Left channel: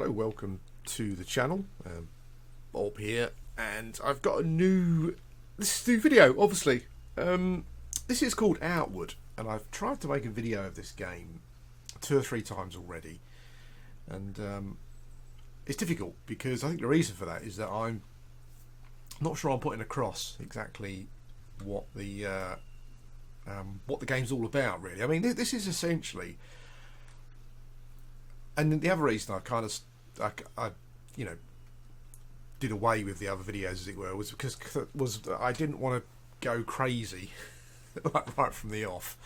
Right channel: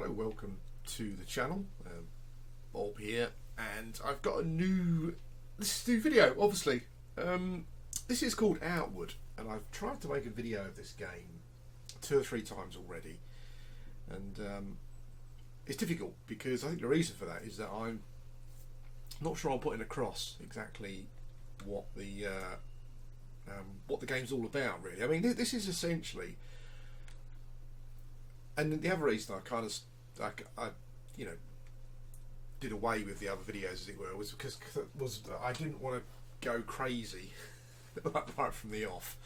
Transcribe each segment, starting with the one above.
Hello, welcome to the channel. Bob here, and I've got this is a new video, obviously. This is called Outward, and I've tried to make a video of this game 2 or 3 times already, and it's difficult because I think the reason for that is that I'm not sure I'm putting across exactly what the game's all about, really. I mean, this is essentially. And the other reason I did away with the other videos, as it were, was because I didn't want to go crazy right from the off.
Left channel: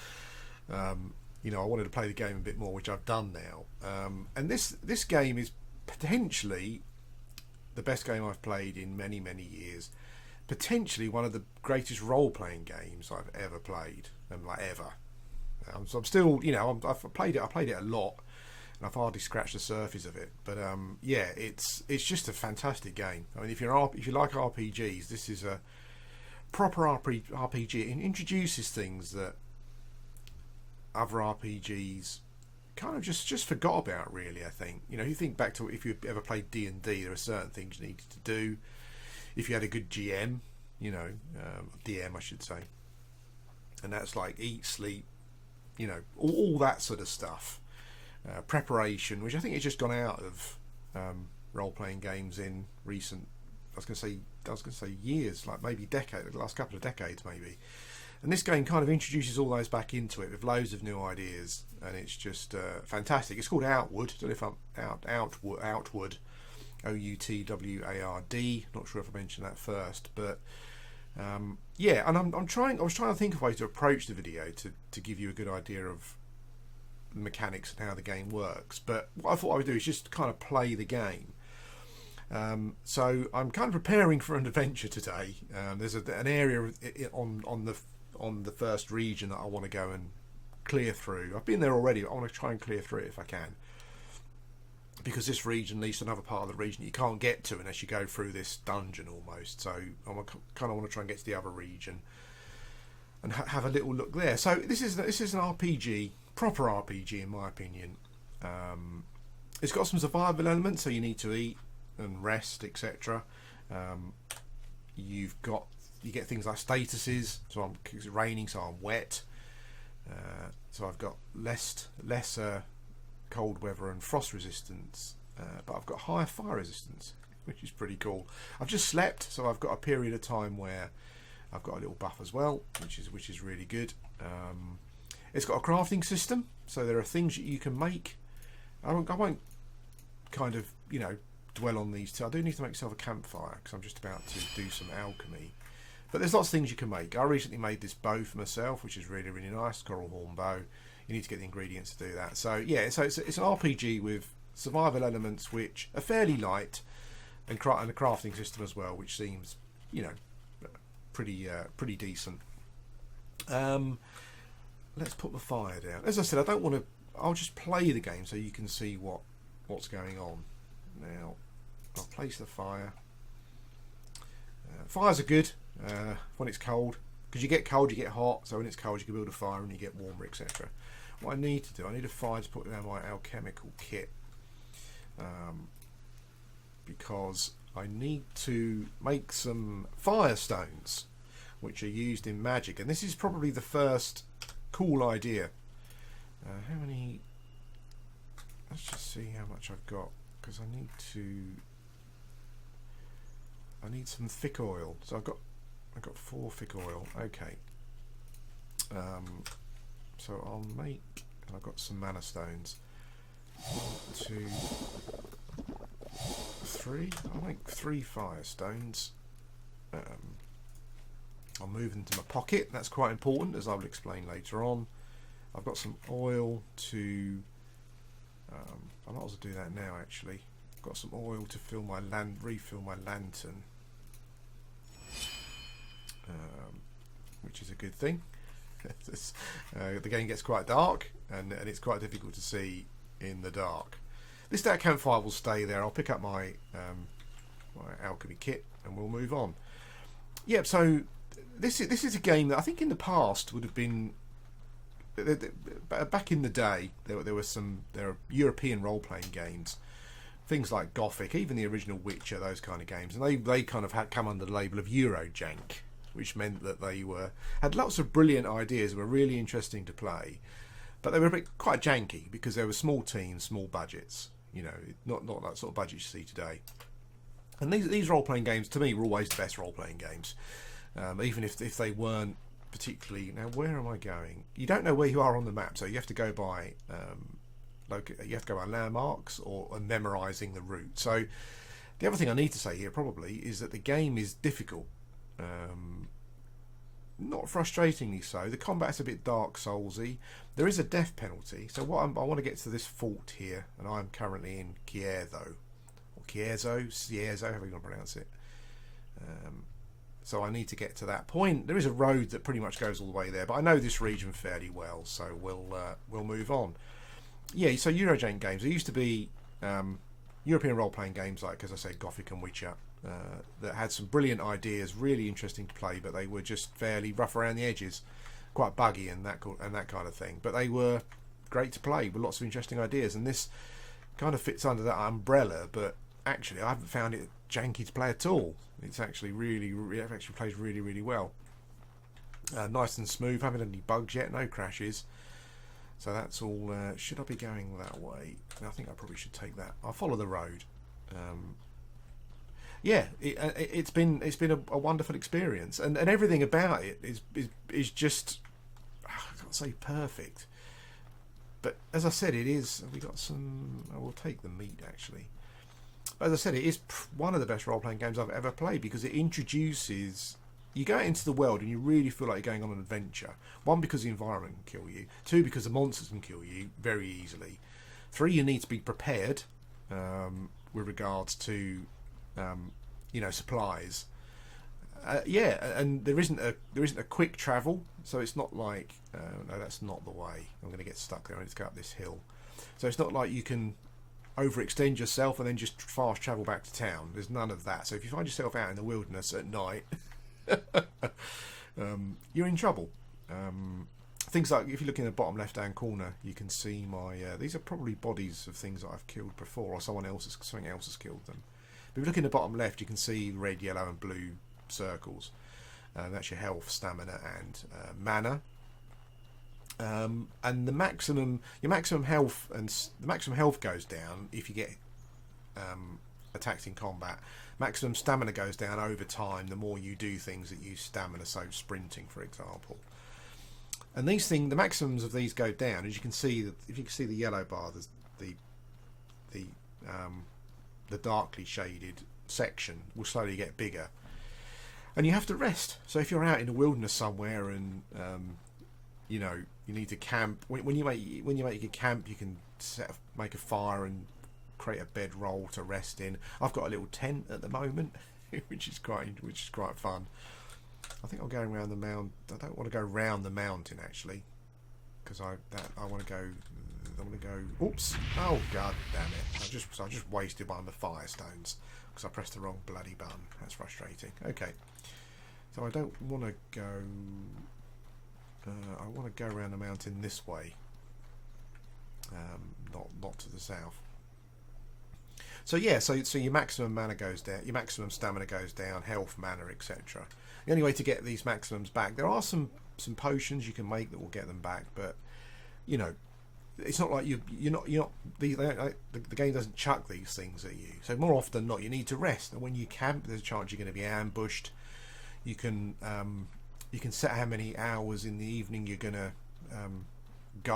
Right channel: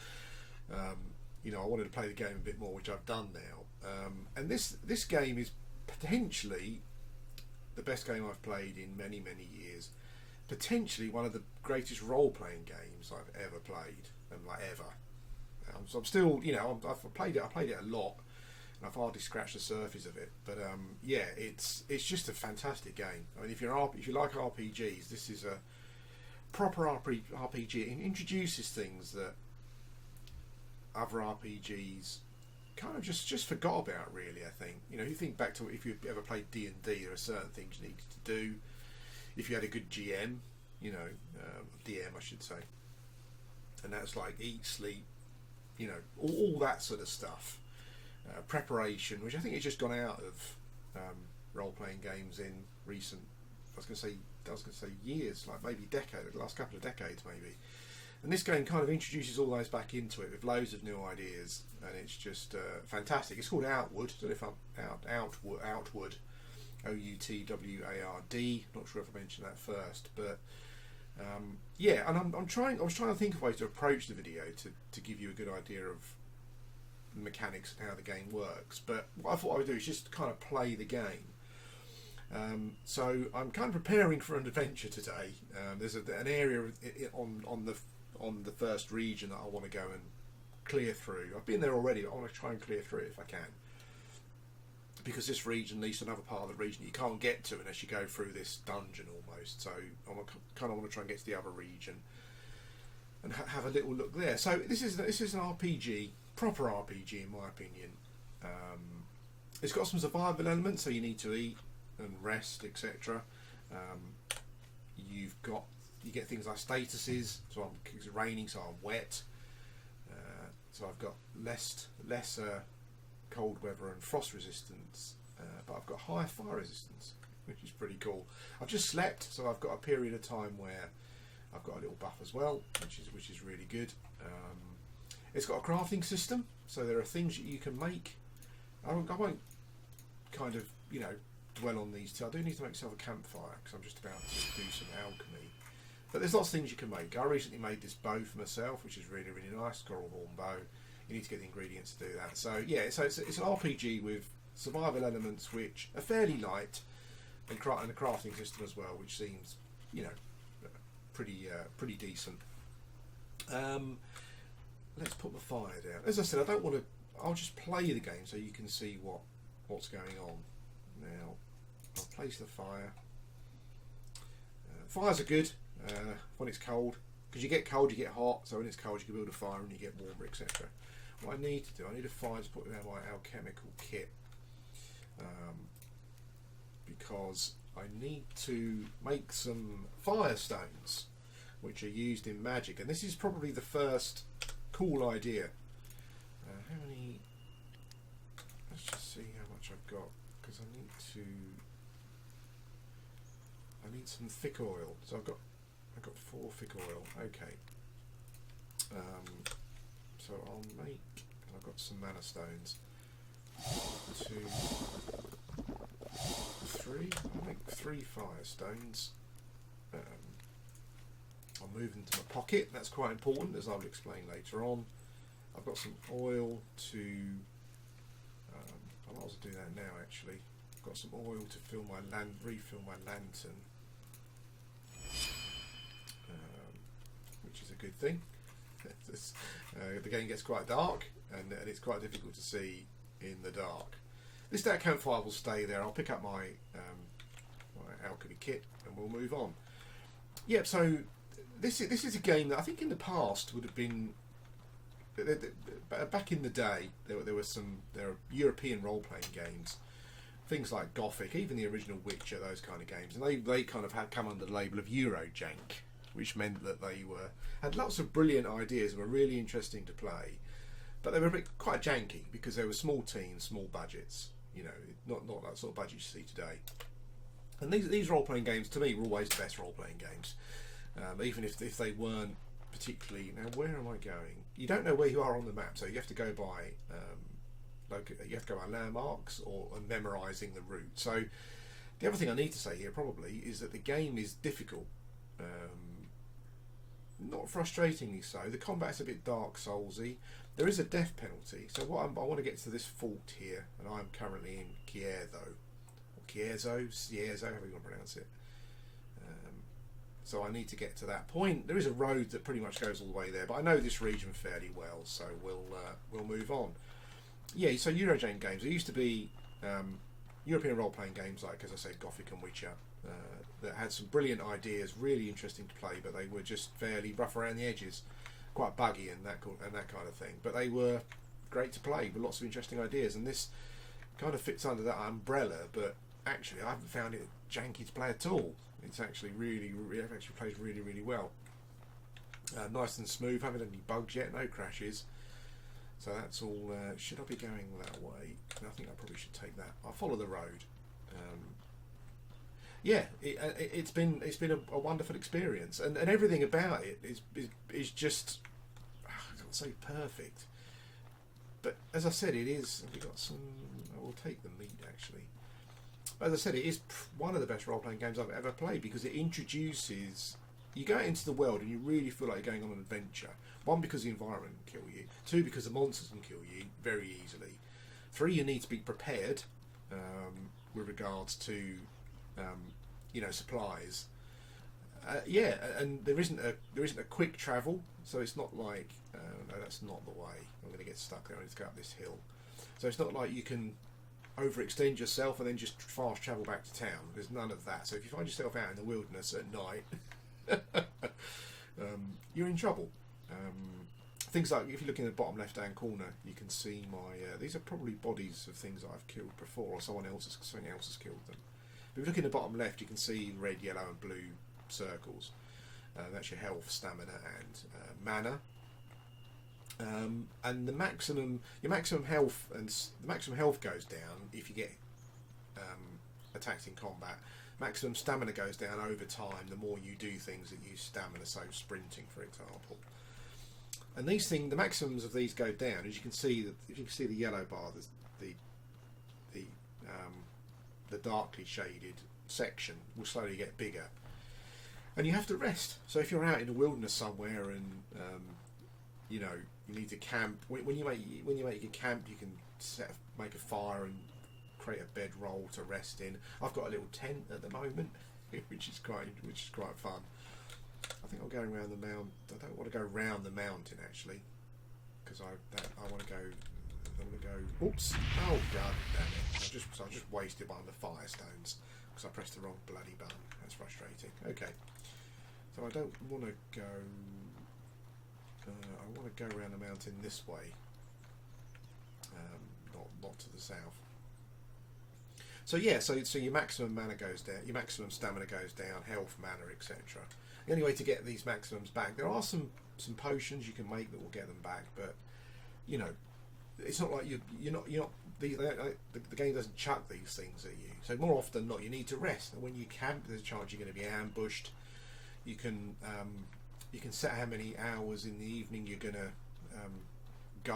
I wanted to play the game a bit more, which I've done now. And this game is potentially the best game I've played in many, many years. Potentially one of the greatest role-playing games I've ever played, and ever. So I'm still, I've played it. I played it a lot. And I've hardly scratched the surface of it, but it's just a fantastic game. I mean, if you like RPGs, this is a proper RPG. It introduces things that other RPGs kind of just forgot about. Really, I think. You think back to if you ever played D&D, there are certain things you needed to do. If you had a good GM, DM, I should say, and that's like eat, sleep, all that sort of stuff. Preparation, which I think has just gone out of role-playing games in recent. I was going to say years, like maybe the last couple of decades, maybe. And this game kind of introduces all those back into it with loads of new ideas, and it's just fantastic. It's called Outward. I don't know if I'm Outward, OUTWARD. Not sure if I mentioned that first, but and I was trying to think of ways to approach the video to give you a good idea of mechanics and how the game works, but what I thought I would do is just kind of play the game. So I'm kind of preparing for an adventure today. There's an area on the first region that I want to go and clear through. I've been there already, but I want to try and clear through it if I can, because this region leads to another part of the region that you can't get to unless you go through this dungeon almost. So I kind of want to try and get to the other region and have a little look there. So this is an RPG. Proper RPG, in my opinion. It's got some survival elements, so you need to eat and rest, etc. You get things like statuses. So it's raining, so I'm wet. So I've got lesser cold weather and frost resistance, but I've got higher fire resistance, which is pretty cool. I've just slept, so I've got a period of time where I've got a little buff as well, which is really good. It's got a crafting system, so there are things that you can make. I won't kind of, dwell on these two. I do need to make myself a campfire because I'm just about to do some alchemy. But there's lots of things you can make. I recently made this bow for myself, which is really, really nice, coral horn bow. You need to get the ingredients to do that. So yeah, so it's an RPG with survival elements which are fairly light, and a crafting system as well, which seems, pretty decent. Let's put the fire down. As I said, I don't want to. I'll just play the game so you can see what's going on. Now, I'll place the fire. Fires are good when it's cold, because you get cold, you get hot. So when it's cold, you can build a fire and you get warmer, etc. What I need to do, I need a fire to put down my alchemical kit, because I need to make some fire stones, which are used in magic, and this is probably the first cool idea. How many? Let's just see how much I've got, because I need some thick oil. So I've got 4 thick oil. Okay. So I've got some mana stones. 1, 2, 3. I'll make 3 fire stones. I'll move them to my pocket. That's quite important, as I'll explain later on. I've got some oil to. I might as well do that now. Actually, I've got some oil to refill my lantern, which is a good thing. The game gets quite dark, and it's quite difficult to see in the dark. This campfire will stay there. I'll pick up my alchemy kit, and we'll move on. Yeah. So. This is a game that I think in the past would have been back in the day, there are European role-playing games things like Gothic, even the original Witcher, those kind of games, and they kind of had come under the label of Eurojank, which meant that they had lots of brilliant ideas and were really interesting to play, but they were quite janky because they were small teams, small budgets. Not that sort of budget you see today. And these role playing games to me were always the best role playing games, even if they weren't particularly. Now, where am I going? You don't know where you are on the map, so you have to go by. You have to go by landmarks or memorising the route. So the other thing I need to say here probably is that the game is difficult. Not frustratingly so. The combat's a bit Dark Soulsy. There is a death penalty. So I want to get to this fort here, and I'm currently in Cierzo, or Cierzo, however you want to pronounce it. So I need to get to that point. There is a road that pretty much goes all the way there, but I know this region fairly well, so we'll move on. Yeah, so Eurojank games. There used to be European role-playing games like, as I said, Gothic and Witcher, that had some brilliant ideas, really interesting to play, but they were just fairly rough around the edges, quite buggy and that kind of thing. But they were great to play with lots of interesting ideas, and this kind of fits under that umbrella. But actually, I haven't found it janky to play at all. It's actually it actually plays really, really well. Nice and smooth. Haven't had any bugs yet. No crashes. So that's all. Should I be going that way? I think I probably should take that. I'll follow the road. It's been a wonderful experience, and everything about it is just, I can't say perfect, but as I said, it is. Have we got some? I will take the meat actually. As I said, it is one of the best role-playing games I've ever played because it introduces. You go out into the world and you really feel like you're going on an adventure. One, because the environment can kill you. Two, because the monsters can kill you very easily. Three, you need to be prepared with regards to supplies. And there isn't a quick travel, so it's not like no, that's not the way. I'm going to get stuck there. I need to go up this hill. So it's not like you can overextend yourself and then just fast travel back to town. There's none of that. So if you find yourself out in the wilderness at night, you're in trouble. Things like, if you look in the bottom left hand corner, you can see my these are probably bodies of things that I've killed before, or something else has killed them. But if you look in the bottom left, you can see red, yellow and blue circles. That's your health, stamina and mana. And your maximum health goes down if you get attacked in combat. Maximum stamina goes down over time the more you do things that use stamina, so sprinting, for example. And the maximums of these go down, as you can see. If you can see the yellow bar, the darkly shaded section will slowly get bigger, and you have to rest. So if you're out in the wilderness somewhere and you need to camp, when you make your camp, you can make a fire and create a bedroll to rest in. I've got a little tent at the moment, which is quite fun. I think I'll go around the mountain. I don't want to go round the mountain actually, because I want to go. Oops! Oh god damn it! I just wasted one of the fire stones because I pressed the wrong bloody button. That's frustrating. Okay, so I don't want to go. I want to go around the mountain this way, not to the south. So yeah, so your maximum mana goes down, your maximum stamina goes down, health, mana, etc. The only way to get these maximums back, there are some potions you can make that will get them back, but it's not like you're not the game doesn't chuck these things at you. So more often than not, you need to rest, and when you camp, there's a chance you're going to be ambushed. You can set how many hours in the evening you're going to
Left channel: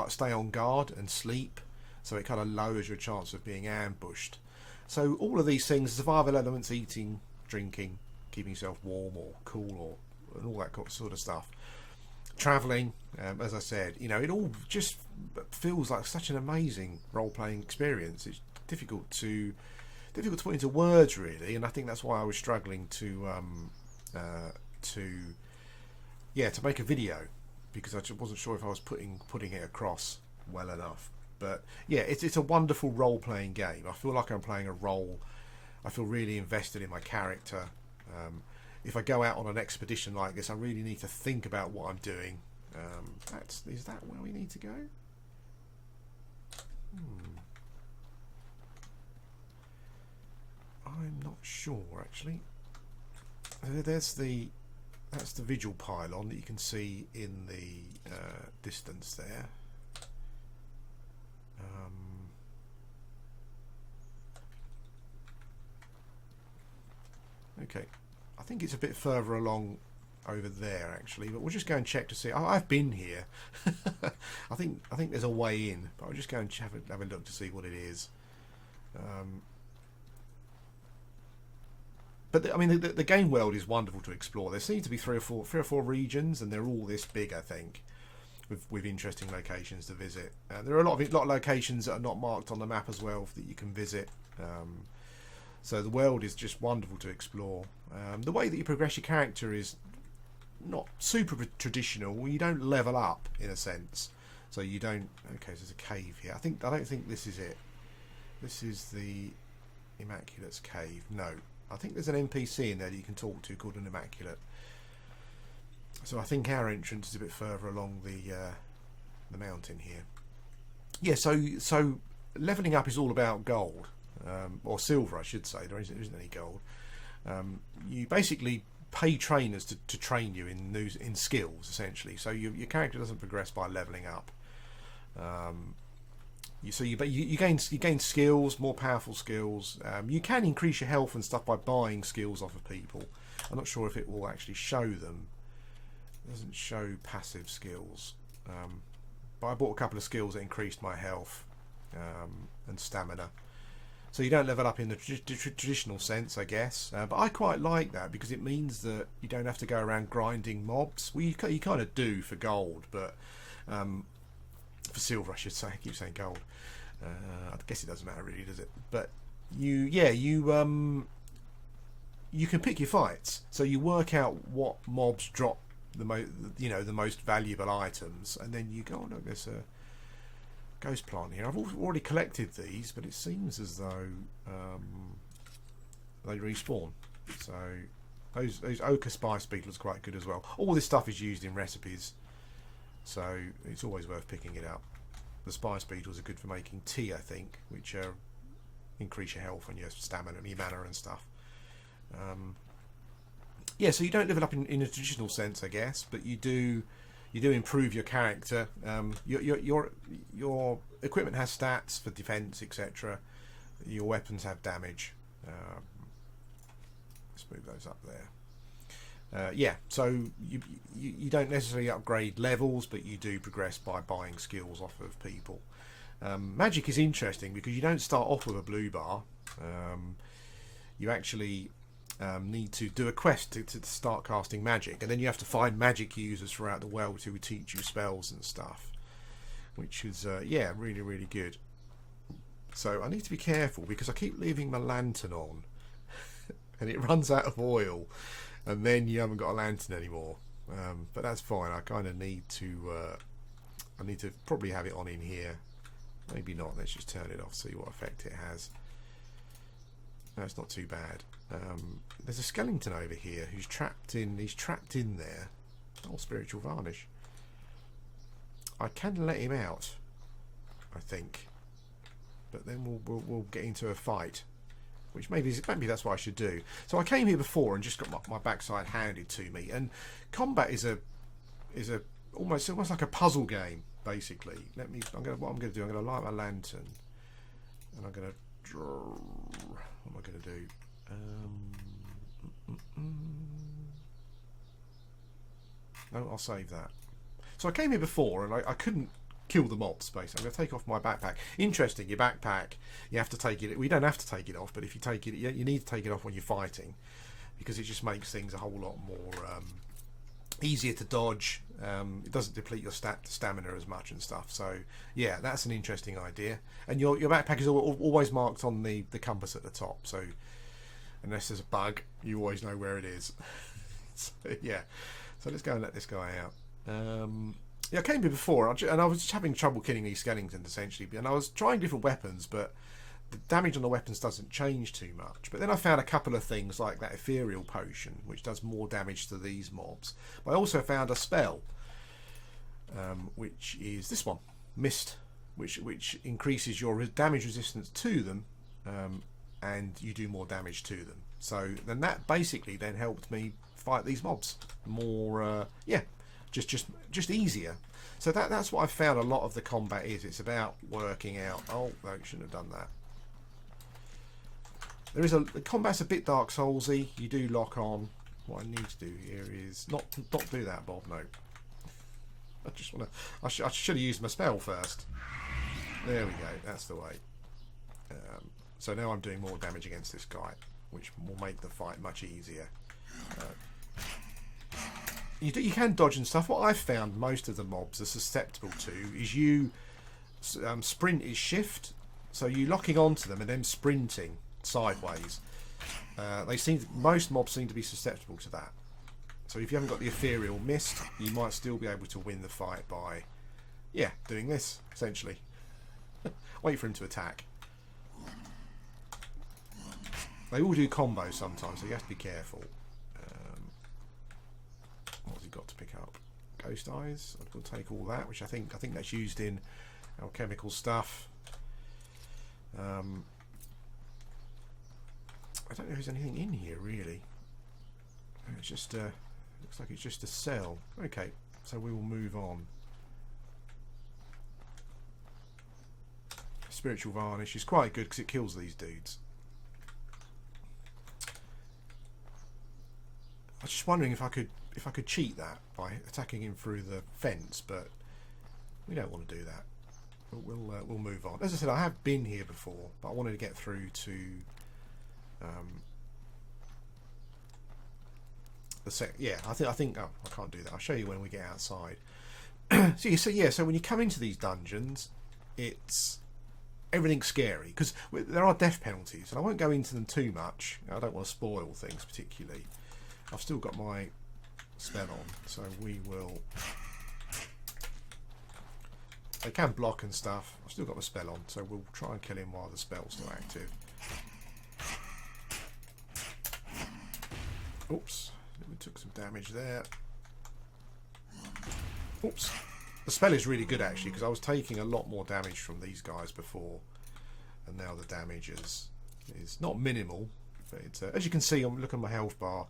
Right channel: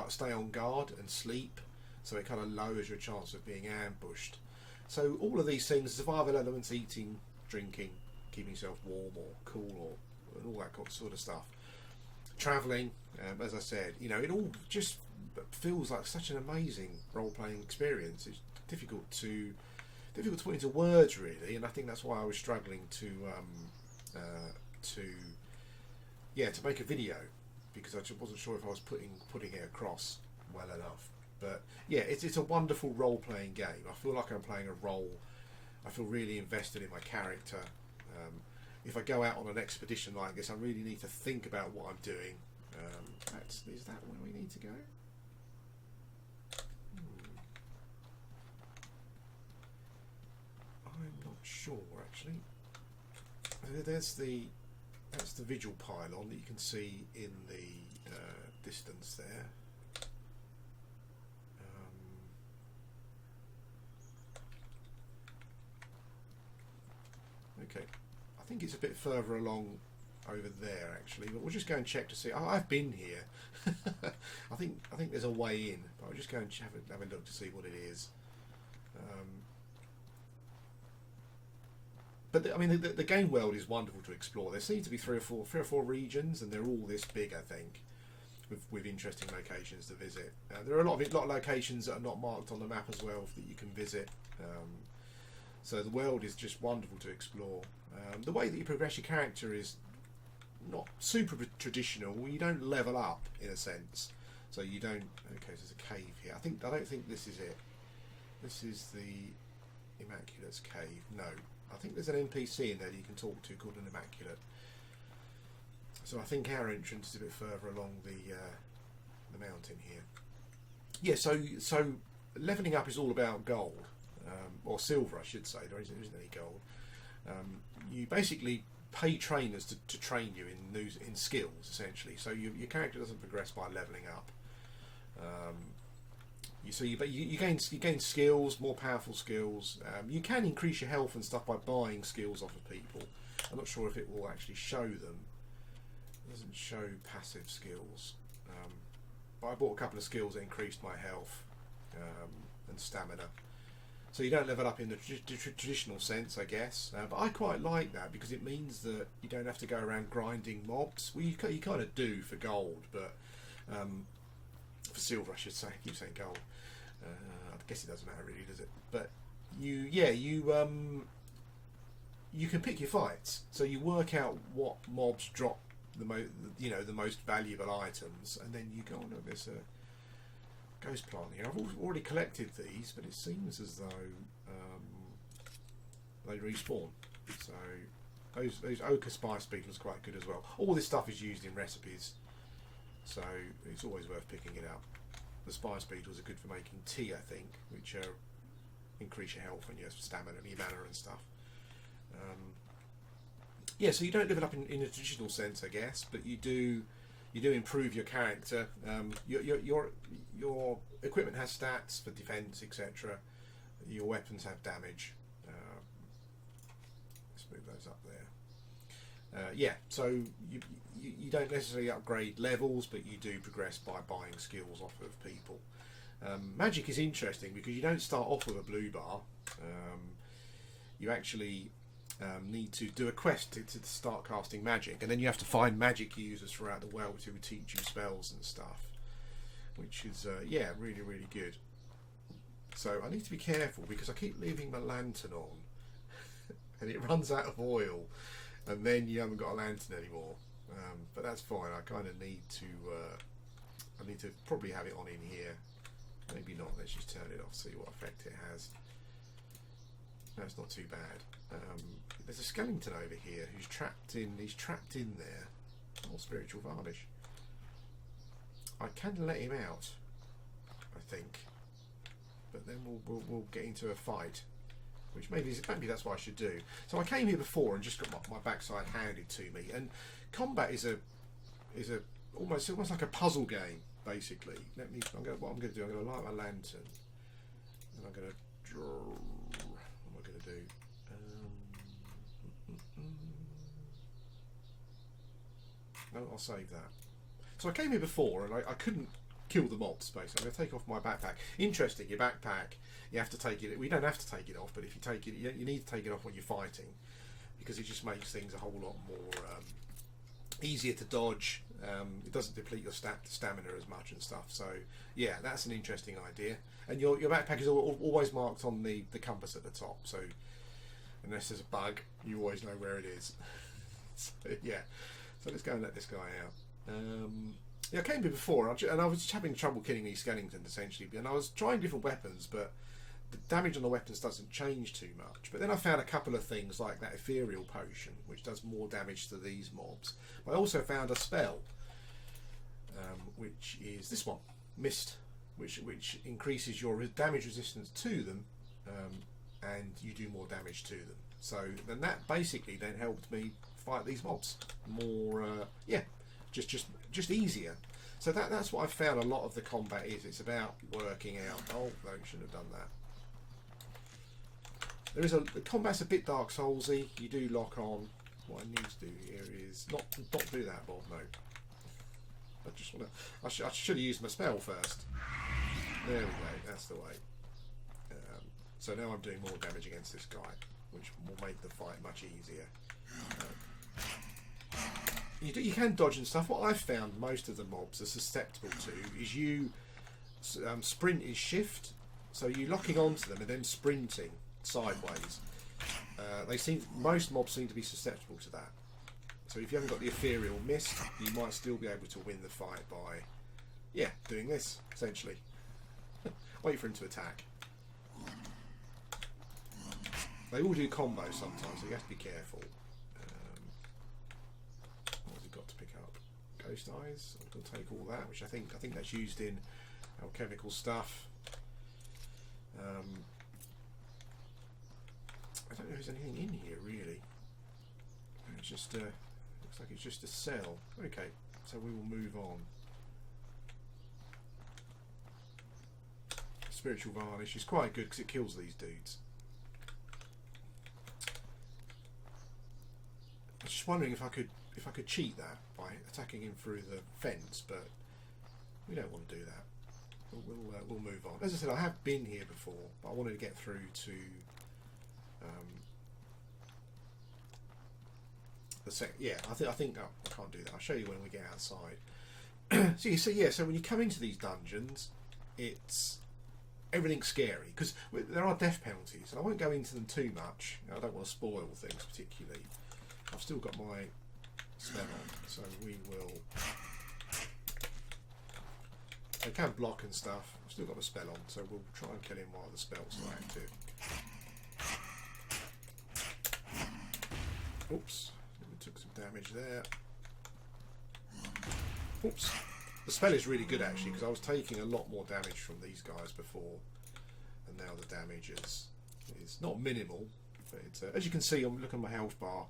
stay on guard and sleep, so it kind of lowers your chance of being ambushed. So all of these things, survival elements, eating, drinking, keeping yourself warm or cool, and all that sort of stuff. Travelling, as I said, it all just feels like such an amazing role-playing experience. It's difficult to put into words, really, and I think that's why I was struggling to make a video, because I just wasn't sure if I was putting it across well enough. But yeah, it's a wonderful role-playing game. I feel like I'm playing a role. I feel really invested in my character. If I go out on an expedition like this, I really need to think about what I'm doing. Is that where we need to go? sure actually. That's the Vigil pylon that you can see in the distance there. Okay, I think it's a bit further along over there actually, but we'll just go and check to see. I've been here. I think there's a way in, but I'll just go and have a look to see what it is. But I mean, the game world is wonderful to explore. There seem to be three or four regions, and they're all this big, I think, with interesting locations to visit. There are a lot of locations that are not marked on the map as well that you can visit. So the world is just wonderful to explore. The way that you progress your character is not super traditional. You don't level up in a sense, so you don't. Okay, so there's a cave here. I don't think this is it. This is the Immaculate's cave. No. I think there's an NPC in there that you can talk to called an Immaculate. So I think our entrance is a bit further along the mountain here. Yeah, so leveling up is all about gold, or silver, I should say. There isn't any gold. You basically pay trainers to train you in skills, essentially. So your character doesn't progress by leveling up. You gain skills, more powerful skills. You can increase your health and stuff by buying skills off of people. I'm not sure if it will actually show them. It doesn't show passive skills. But I bought a couple of skills that increased my health and stamina. So you don't level up in the traditional sense, I guess. But I quite like that because it means that you don't have to go around grinding mobs. Well, you kind of do for gold, but... for silver, I should say. I keep saying gold. I guess it doesn't matter really, does it? But you can pick your fights. So you work out what mobs drop the most valuable items, and then you go, oh look, there's a ghost plant here. I've already collected these, but it seems as though they respawn. So those ochre spice beetles are quite good as well. All this stuff is used in recipes, so it's always worth picking it up. The spice beetles are good for making tea, I think, which increase your health and your stamina and your mana and stuff. Yeah, so you don't level up in a traditional sense, I guess, but you do improve your character. Your equipment has stats for defense, etc. Your weapons have damage. Let's move those up there. Yeah, so you don't necessarily upgrade levels, but you do progress by buying skills off of people. Magic is interesting because you don't start off with a blue bar. You actually need to do a quest to start casting magic, and then you have to find magic users throughout the world who would teach you spells and stuff, which is yeah, really, really good. So I need to be careful because I keep leaving my lantern on and it runs out of oil, and then you haven't got a lantern anymore. But that's fine. I kind of need to I need to probably have it on in here. Maybe not. Let's just turn it off, see what effect it has. No, it's not too bad. There's a skeleton over here who's trapped in. He's trapped in there. Oh, spiritual varnish. I can let him out, I think, but then we'll get into a fight, which maybe that's what I should do. So I came here before and just got my backside handed to me. And combat is almost like a puzzle game, basically. What I'm going to do, I'm going to light my lantern, and I'm going to draw. What am I going to do? No, I'll save that. So I came here before and I couldn't kill the mobs, basically. I'm going to take off my backpack. Interesting, your backpack, you have to take it. We don't have to take it off, but if you take it, you need to take it off when you're fighting, because it just makes things a whole lot more easier to dodge. It doesn't deplete your stamina as much and stuff. So yeah, that's an interesting idea. And your backpack is always marked on the compass at the top. So unless there's a bug, you always know where it is. So, yeah. So let's go and let this guy out. Yeah, I came here before, and I was just having trouble killing these skeletons, essentially. And I was trying different weapons, but the damage on the weapons doesn't change too much. But then I found a couple of things like that ethereal potion, which does more damage to these mobs. But I also found a spell, which is this one, Mist, which increases your damage resistance to them, and you do more damage to them. So then that basically then helped me fight these mobs more. Yeah, just easier. So that's what I found. A lot of the combat is. It's about working out. Oh, no, you shouldn't have done that. The combat's a bit Dark Soulsy. You do lock on. What I need to do here is not do that, Bob. No. I just want to. I should have used my spell first. There we go. That's the way. So now I'm doing more damage against this guy, which will make the fight much easier. You can dodge and stuff. What I've found most of the mobs are susceptible to is you sprint is shift, so you locking onto them and then sprinting sideways. Most mobs seem to be susceptible to that. So if you haven't got the ethereal mist, you might still be able to win the fight by, yeah, doing this essentially. Wait for him to attack. They all do combos sometimes, so you have to be careful. What's he got to pick up? Ghost eyes. I'm going to take all that, which I think that's used in alchemical stuff. I don't know if there's anything in here really. It's just looks like it's just a cell. Okay, so we will move on. Spiritual varnish is quite good because it kills these dudes. I was just wondering if I could cheat that by attacking him through the fence, but we don't want to do that. We'll move on. As I said, I have been here before, but I wanted to get through to yeah. I think oh, I can't do that. I'll show you when we get outside. So when you come into these dungeons, it's everything's scary because there are death penalties, and I won't go into them too much. I don't want to spoil things particularly. I've still got my spell on, so we will. They can block and stuff. I've still got my spell on, so we'll try and kill him while the spell's not active. Oops, we took some damage there. Oops. The spell is really good actually because I was taking a lot more damage from these guys before, and now the damage is not minimal, but it's, as you can see, I'm looking at my health bar.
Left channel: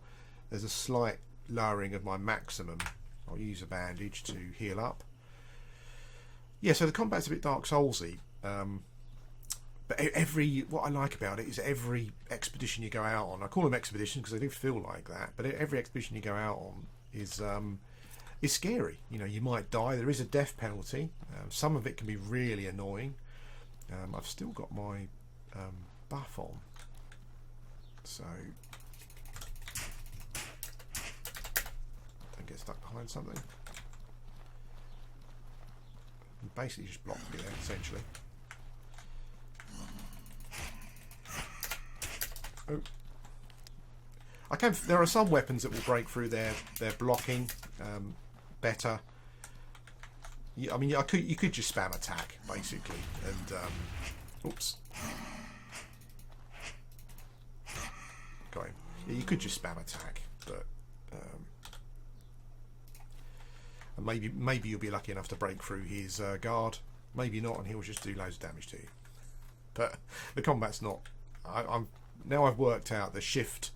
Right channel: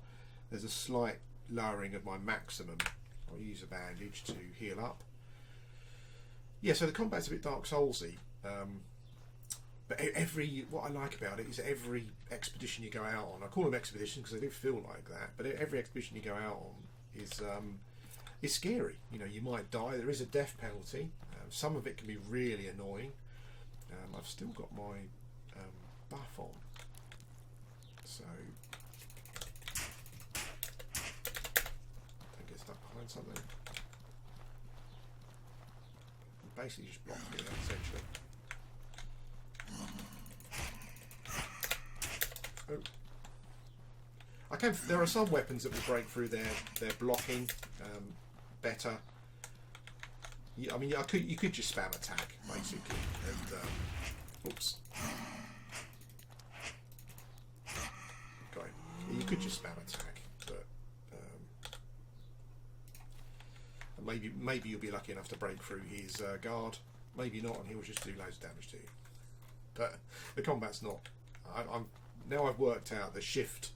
There's a slight lowering of my maximum. I'll use a bandage to heal up. Yeah, so the combat's a bit Dark Soulsy, but what I like about it is every expedition you go out on. I call them expeditions because they do feel like that. But every expedition you go out on is scary. You know, you might die. There is a death penalty. Some of it can be really annoying. I've still got my buff on, so. Get stuck behind something. And basically just blocked it essentially. Oh. There are some weapons that will break through their blocking better. I mean, you could just spam attack basically, and oops. Got him. Yeah, you could just spam attack, but. Maybe you'll be lucky enough to break through his guard. Maybe not, and he'll just do loads of damage to you. But the combat's not. Now I've worked out the shift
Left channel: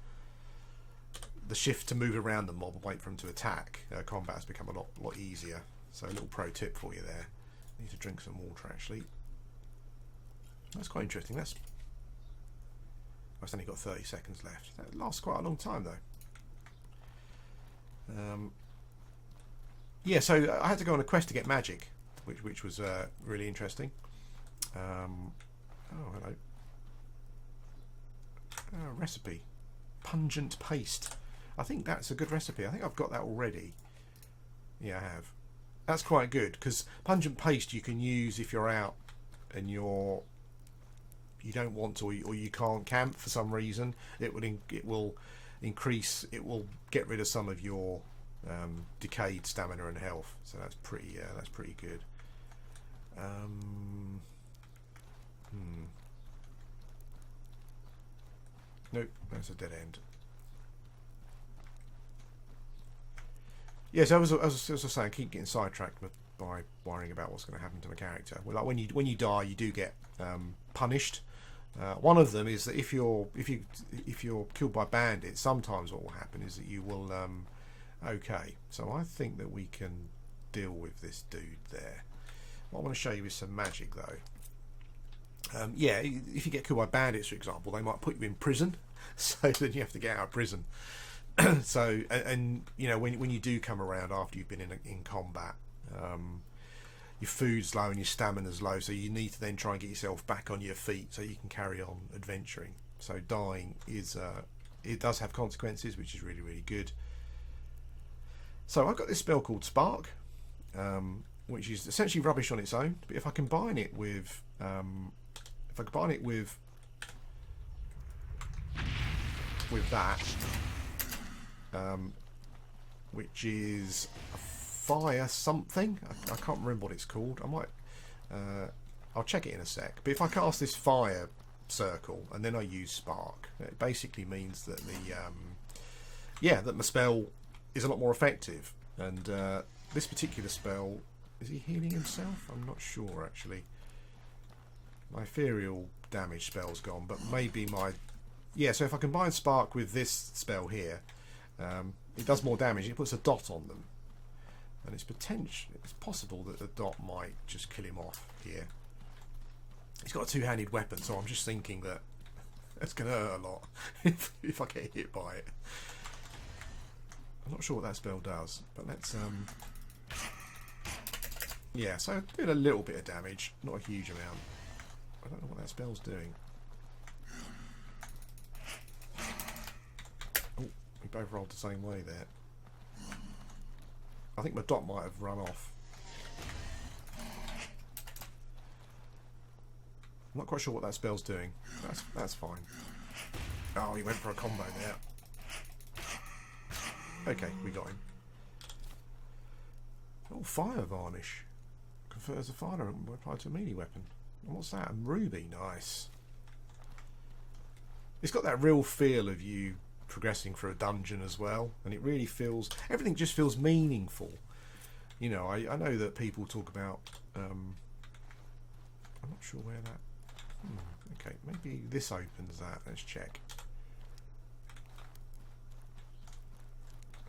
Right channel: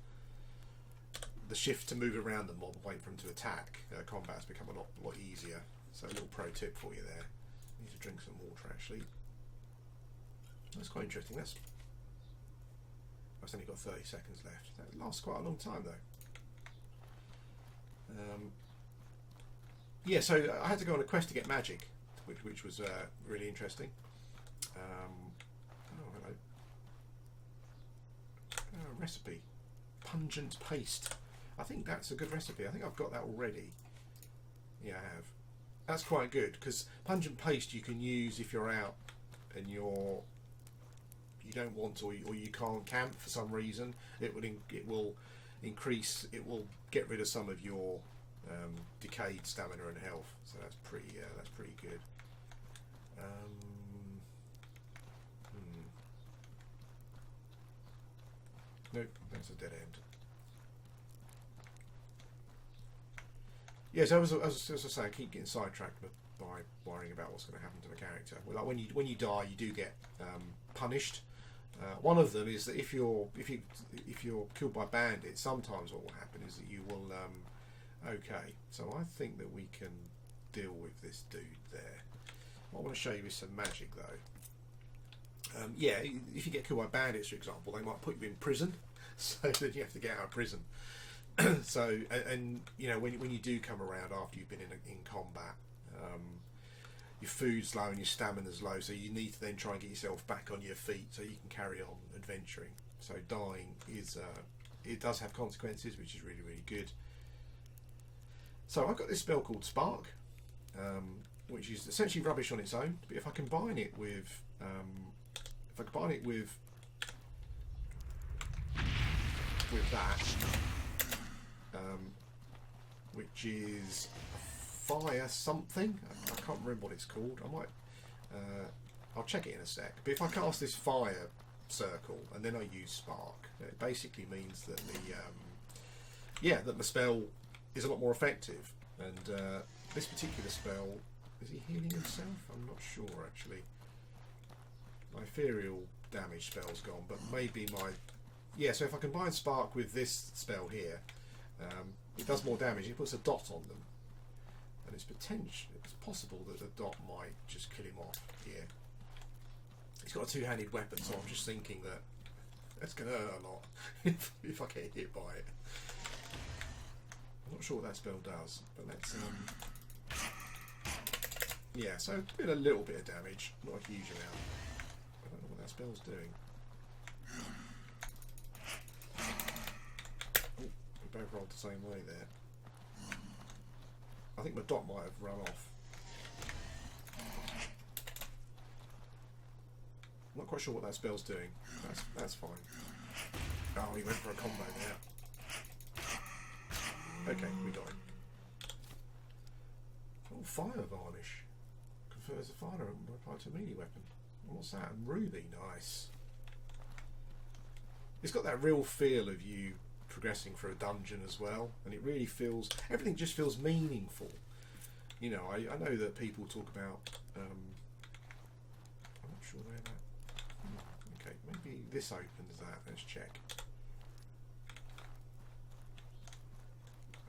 to move around the mob and wait for him to attack. Combat has become a lot easier. So a little pro tip for you there. I need to drink some water actually. That's quite interesting. I've only got 30 seconds left. That lasts quite a long time though. Yeah, so I had to go on a quest to get magic, which was really interesting. Oh, hello. Recipe. Pungent paste. I think that's a good recipe. I think I've got that already. Yeah, I have. That's quite good, because pungent paste you can use if you're out and you don't want to, or you can't camp for some reason. It will get rid of some of your decayed stamina and health, so that's pretty good. Nope, that's a dead end. Yeah, so as I was saying, I keep getting sidetracked by worrying about what's going to happen to my character. Well, like when you die, you do get punished. One of them is that if you're killed by bandits, sometimes what will happen is that you will. Okay, so I think that we can deal with this dude there. What I want to show you is some magic though. Yeah, if you get killed by bandits, for example, they might put you in prison, so then you have to get out of prison. So, and you know, when you do come around after you've been in combat, your food's low and your stamina's low, so you need to then try and get yourself back on your feet so you can carry on adventuring. So dying is it does have consequences, which is really, really good. So I've got this spell called Spark, which is essentially rubbish on its own, but if I combine it with that, which is a fire something, I can't remember what it's called. I might I'll check it in a sec, but if I cast this fire circle and then I use Spark, it basically means that that my spell is a lot more effective. And this particular spell, is he healing himself? I'm not sure actually. My ethereal damage spell's gone, but maybe so if I combine Spark with this spell here, it does more damage. It puts a dot on them, and it's possible that the dot might just kill him off here. He's got a two-handed weapon, so I'm just thinking that that's going to hurt a lot if I get hit by it. I'm not sure what that spell does, but let's yeah, so did a little bit of damage, not a huge amount. I don't know what that spell's doing. Oh, we both rolled the same way there. I think my dot might have run off. I'm not quite sure what that spell's doing. That's fine. Oh, he went for a combo there. Okay, we got him. Oh, fire varnish. Confers a fire applied to a melee weapon. And what's that? A ruby. Nice. It's got that real feel of you progressing through a dungeon as well, and it really feels, everything just feels meaningful. You know, I know that people talk about I'm not sure where that okay, maybe this opens that. Let's check.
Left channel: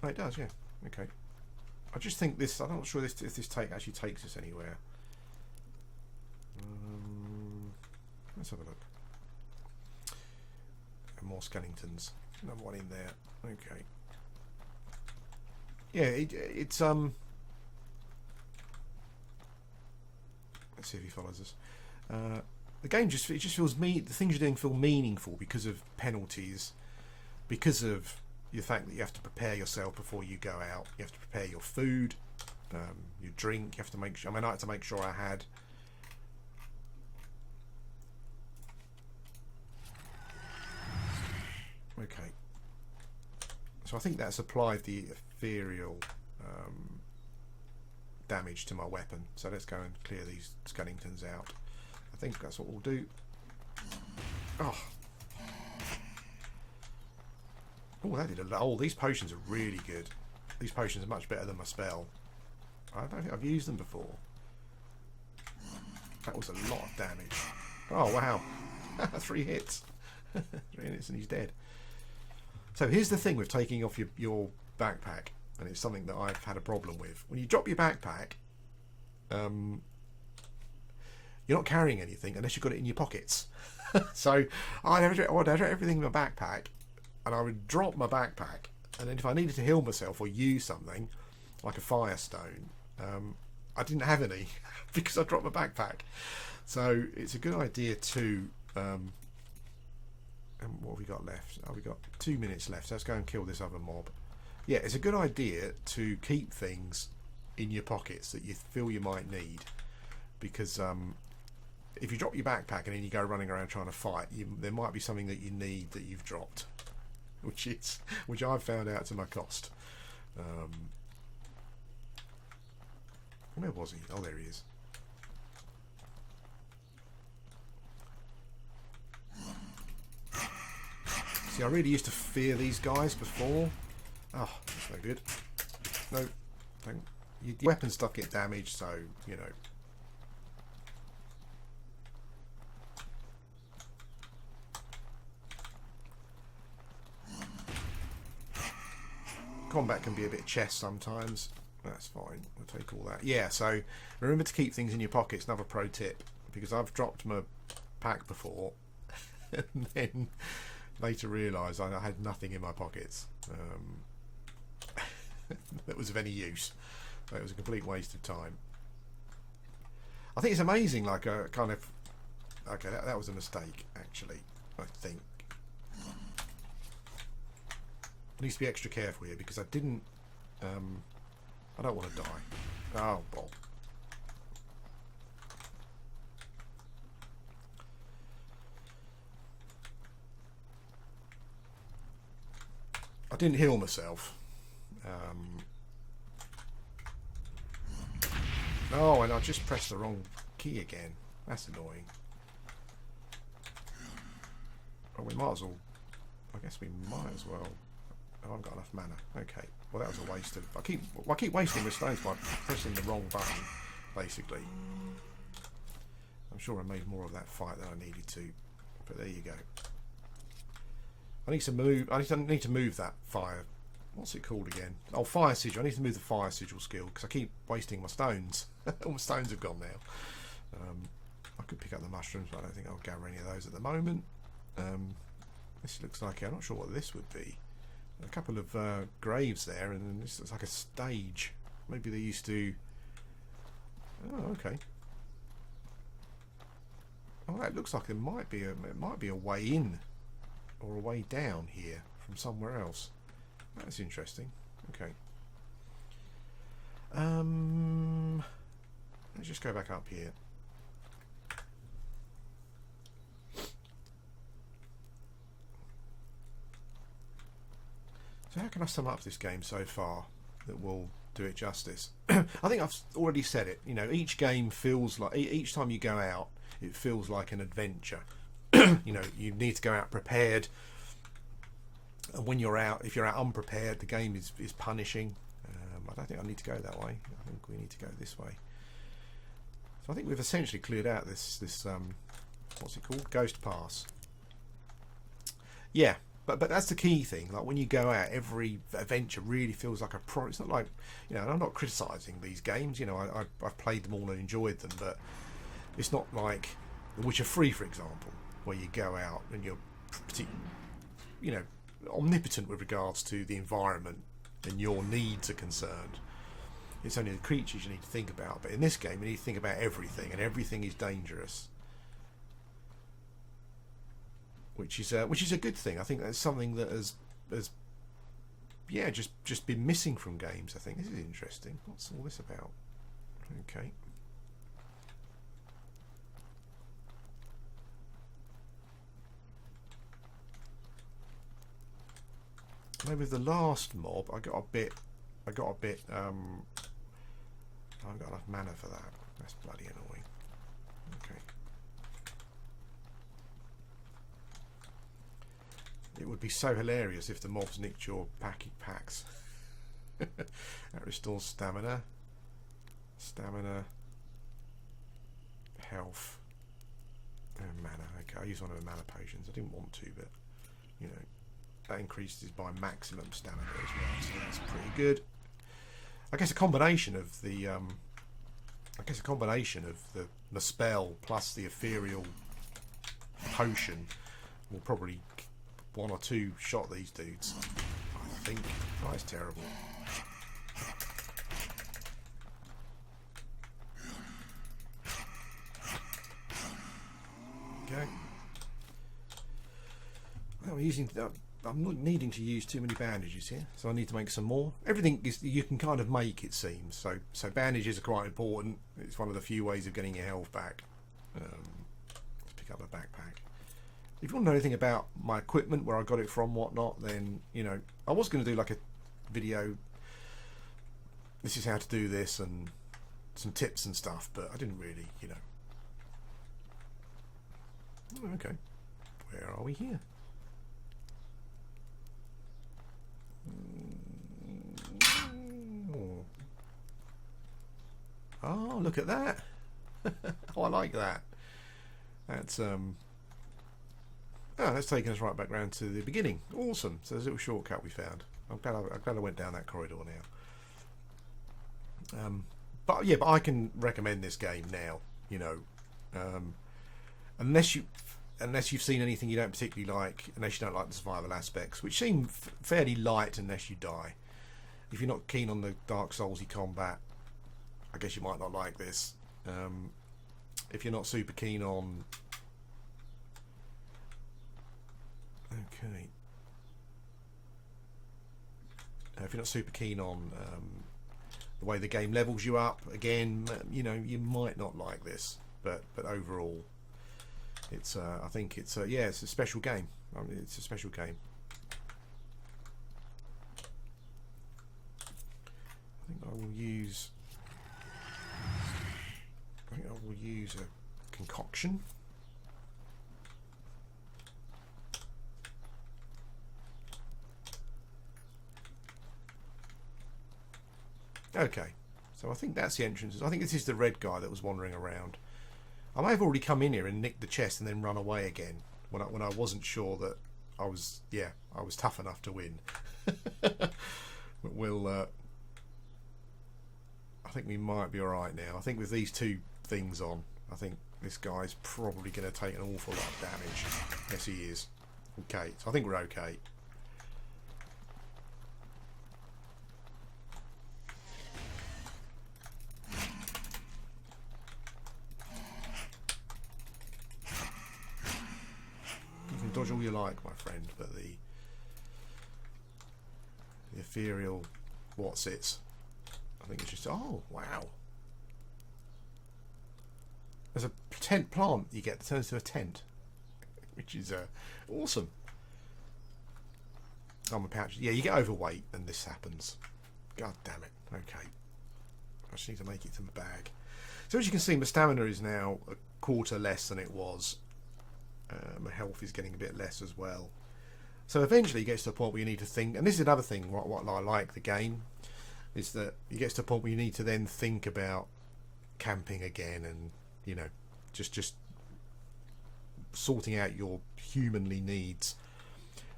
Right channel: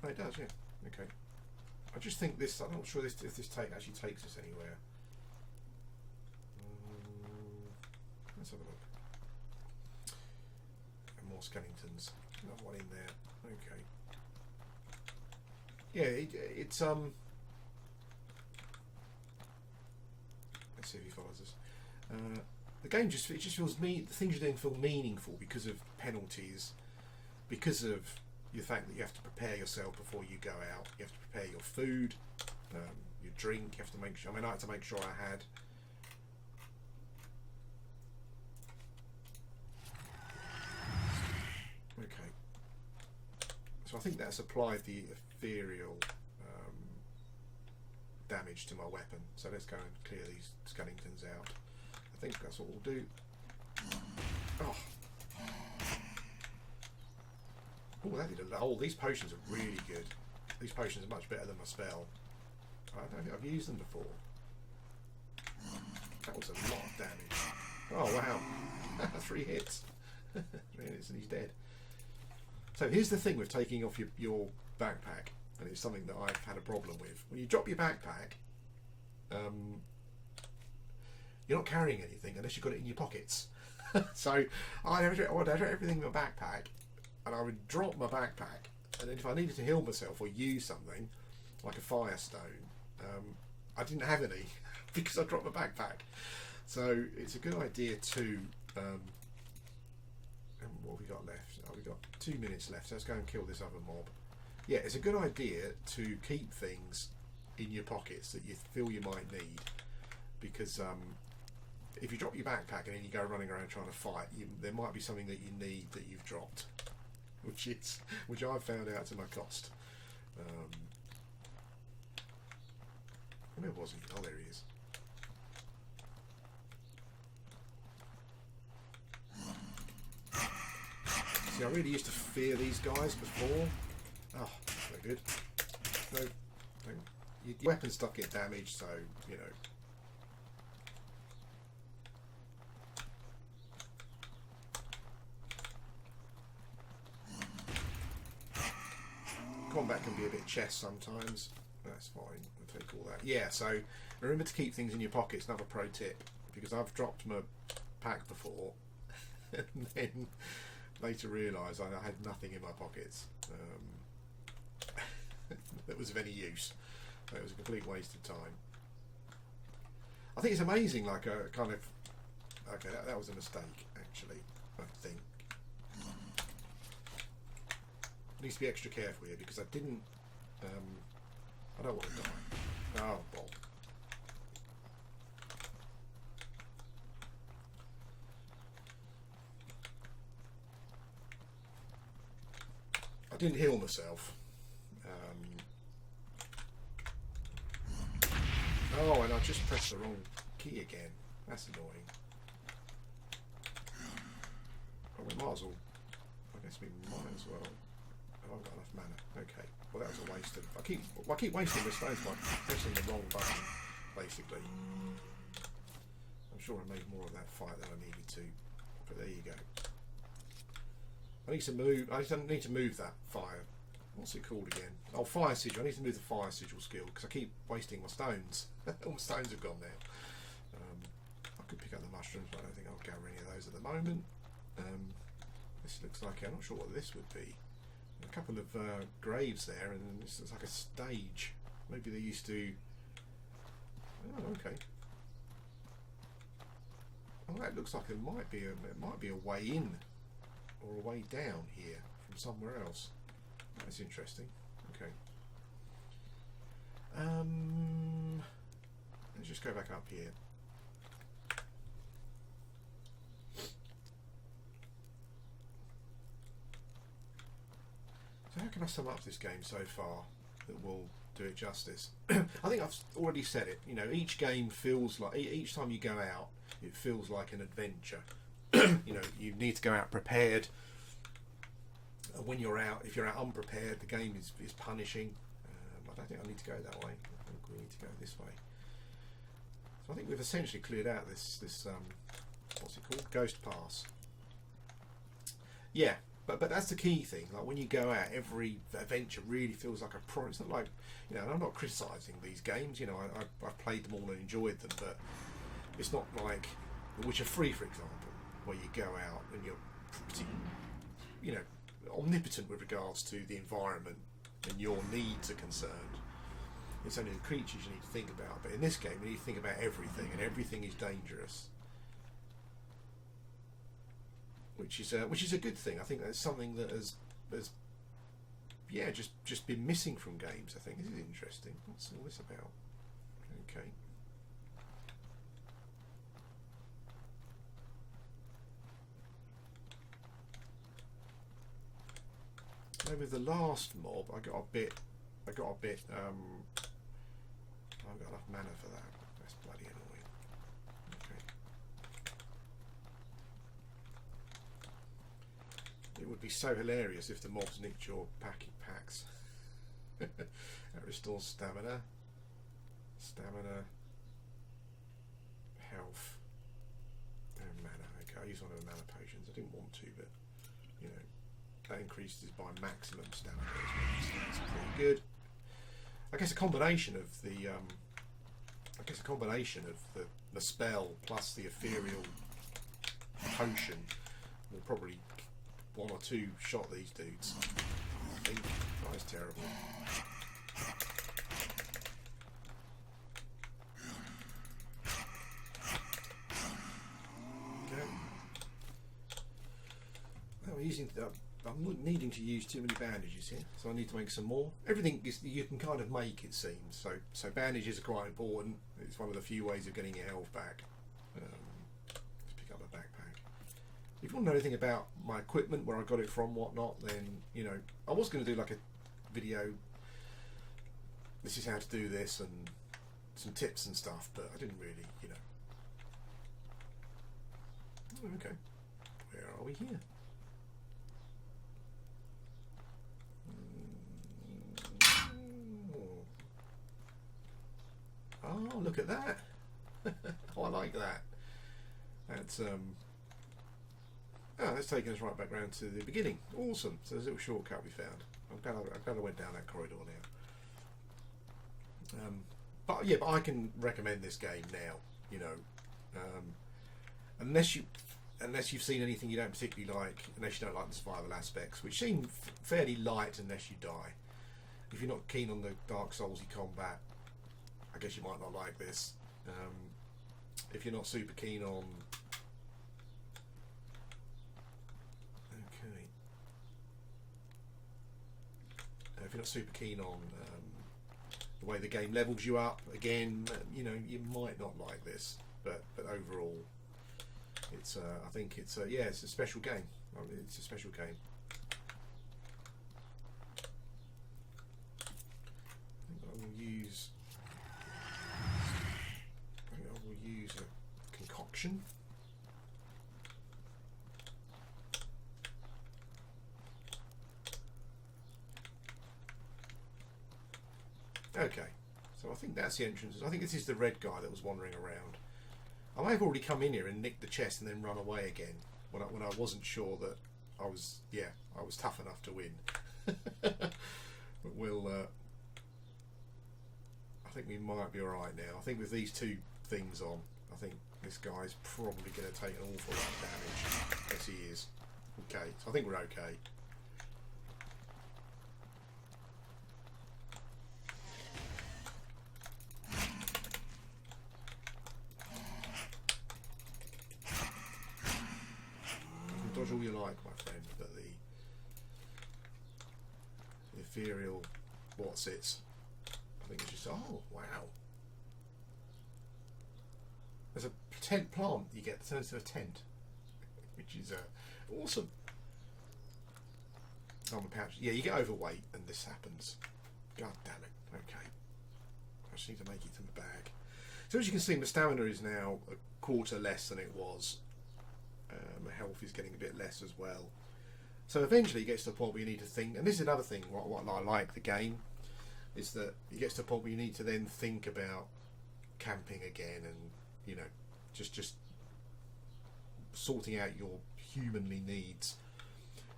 Oh, it does, yeah. Okay. I just think this, I'm not sure if this actually takes us anywhere. Let's have a look. And more skeletons. Another one in there. Okay. Yeah, it's let's see if he follows us. The game just feels the things you're doing feel meaningful because of penalties, because of the fact that you have to prepare yourself before you go out. You have to prepare your food, your drink. You have to make sure. I mean, I had to make sure I had. Okay. So I think that's applied the ethereal damage to my weapon. So let's go and clear these skeletons out. I think that's what we'll do. Oh. Oh, that did a lot. Oh, these potions are really good. These potions are much better than my spell. I don't think I've used them before. That was a lot of damage. Oh, wow. 3 hits. 3 hits and he's dead. So here's the thing with taking off your backpack, and it's something that I've had a problem with. When you drop your backpack, you're not carrying anything unless you've got it in your pockets. So I'd have everything in my backpack, and I would drop my backpack, and then if I needed to heal myself or use something like a firestone, I didn't have any because I dropped my backpack. So it's a good idea to and what have we got left? Oh, we got 2 minutes left, so let's go and kill this other mob. Yeah, it's a good idea to keep things in your pockets that you feel you might need, because if you drop your backpack and then you go running around trying to fight, there might be something that you need that you've dropped, which I've found out to my cost. Where was he? Oh, there he is. See, I really used to fear these guys before. Oh, that's no good. No, your weapon stuff get damaged, so, you know. combat can be a bit chess sometimes. That's fine. We'll take all that. Yeah, so remember to keep things in your pockets. Another pro tip, because I've dropped my pack before and then later realised I had nothing in my pockets that was of any use. So it was a complete waste of time. I think it's amazing, like a kind of... Okay, that was a mistake, actually, I think. I need to be extra careful here because I didn't... I don't want to die. Oh, Bob. I didn't heal myself. Oh, and I just pressed the wrong key again. That's annoying. Oh, we might as well... I guess we might as well... I haven't got enough mana. Okay. Well, that was a waste of... I keep wasting the stones by pressing the wrong button, basically. I'm sure I made more of that fight than I needed to. But there you go. I need to move... I need to move that fire... What's it called again? Oh, fire sigil. I need to move the fire sigil skill because I keep wasting my stones. All my stones have gone now. I could pick up the mushrooms, but I don't think I'll gather any of those at the moment. This looks like... I'm not sure what this would be. A couple of graves there, and then this looks like a stage. Maybe they used to... Oh, okay. Oh, that looks like it might be a way in or a way down here from somewhere else. That's interesting. Okay. Let's just go back up here. So how can I sum up this game so far that will do it justice? I think I've already said it. You know, each game feels like... Each time you go out, it feels like an adventure. You know, you need to go out prepared. And when you're out, if you're out unprepared, the game is punishing. I don't think I need to go that way. I think we need to go this way. So I think we've essentially cleared out this what's it called? Ghost Pass. Yeah. But that's the key thing. Like when you go out, every adventure really feels like a pro. It's not like, you know, and I'm not criticising these games. You know, I've played them all and enjoyed them, but it's not like The Witcher 3, for example, where you go out and you're, you know, omnipotent with regards to the environment and your needs are concerned. It's only the creatures you need to think about. But in this game, you need to think about everything, and everything is dangerous. Which is a good thing. I think that's something that has yeah, just been missing from games. I think this is interesting. What's all this about? Okay. Maybe with the last mob, I got a bit. I haven't got enough mana for that. That's bloody annoying. Okay. It would be so hilarious if the mobs nicked your packs. That restores stamina, health, and mana. Okay, I use one of the mana potions. I didn't want to, but you know, that increases by maximum stamina as well. So that's pretty good. I guess a combination of the the spell plus the ethereal potion will probably one or two shot these dudes. I think. Oh, that's terrible. Okay. Well, I'm not needing to use too many bandages here, so I need to make some more. Everything is you can kind of make, it seems. So bandages are quite important. It's one of the few ways of getting your health back. Let's pick up a backpack. If you want to know anything about my equipment, where I got it from, whatnot, then, you know, I was going to do like a video, this is how to do this, and some tips and stuff, but I didn't really, you know. Oh, okay. Where are we here? Oh, look at that. Oh, I like that. That's that's taken us right back round to the beginning. Awesome. So there's a little shortcut we found. I'm glad I went down that corridor now. But yeah, but I can recommend this game now. You know, unless you've seen anything you don't particularly like, unless you don't like the survival aspects, which seem fairly light unless you die. If you're not keen on the Dark Soulsy combat, I guess you might not like this. If you're not super keen on... Okay. If you're not super keen on the way the game levels you up, again, you know, you might not like this. But overall, it's I think it's yeah, it's a special game. I mean, it's a special game. I think I will use a concoction. Okay, so I think that's the entrance. I think this is the red guy that was wandering around. I may have already come in here and nicked the chest and then run away again when I wasn't sure that I was tough enough to win. But we'll I think we might be all right now. I think with these two things on, I think this guy's probably going to take an awful lot of damage. Yes, he is. Okay, so I think we're okay. Dodge all you like, my friend, but the ethereal what's-its, I think it's just... Oh, wow. There's a tent plant you get that turns into a tent, which is awesome. Armor pouch. Yeah, you get overweight and this happens. God damn it. Okay. I just need to make it to my bag. So as you can see, my stamina is now a quarter less than it was. My health is getting a bit less as well. So eventually it gets to a point where you need to think, and this is another thing what I like the game, is that it gets to a point where you need to then think about camping again and, you know, just sorting out your humanly needs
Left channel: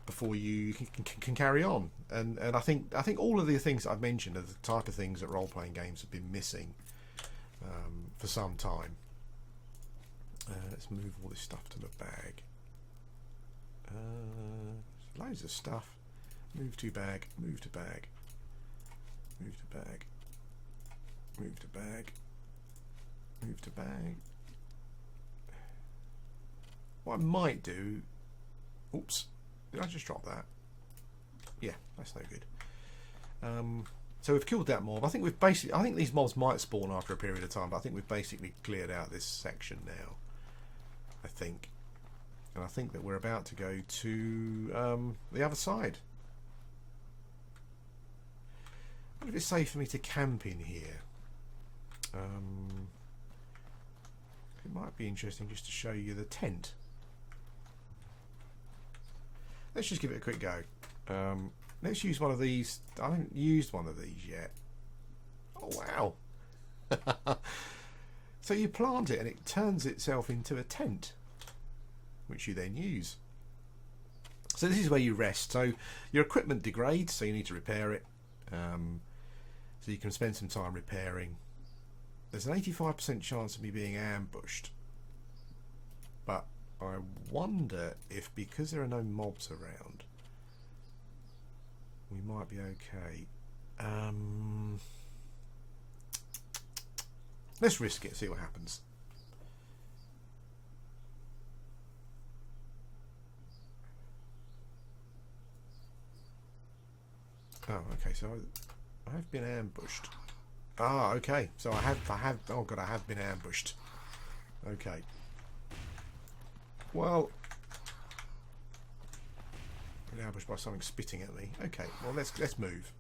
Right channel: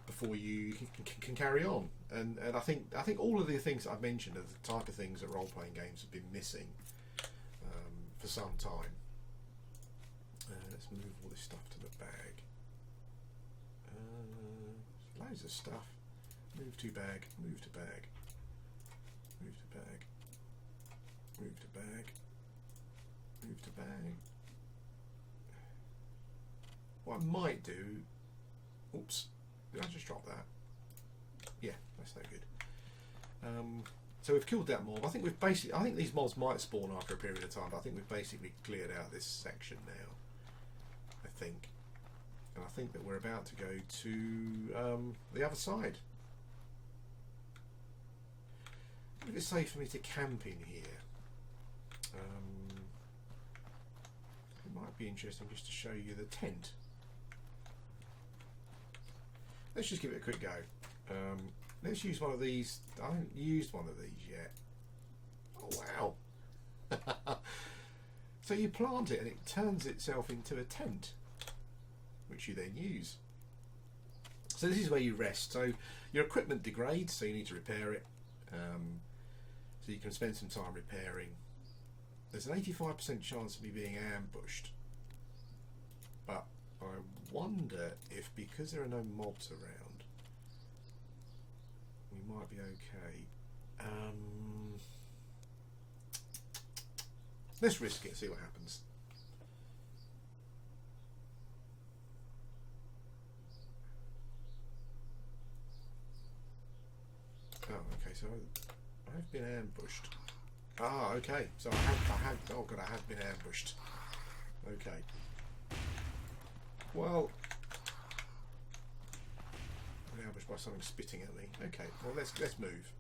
before you can carry on. And I think all of the things that I've mentioned are the type of things that role-playing games have been missing for some time. Let's move all this stuff to the bag. Loads of stuff. Move to bag. Move to bag. Move to bag. Move to bag. Move to bag. What I might do... Oops. Did I just drop that? Yeah, that's no good. So we've killed that mob. I think these mobs might spawn after a period of time, but I think we've basically cleared out this section now. I think. And I think that we're about to go to the other side. Would it be safe for me to camp in here? It might be interesting just to show you the tent. Let's just give it a quick go. Let's use one of these. I haven't used one of these yet. Oh, wow. So you plant it and it turns itself into a tent, which you then use. So this is where you rest. So your equipment degrades, so you need to repair it. So you can spend some time repairing. There's an 85% chance of me being ambushed. But I wonder if, because there are no mobs around, we might be okay. Let's risk it, see what happens. Oh, okay, so I have been ambushed. Ah, okay, so I have, oh god, I have been ambushed. Okay. Well, I've been ambushed by something spitting at me. Okay, well, let's move.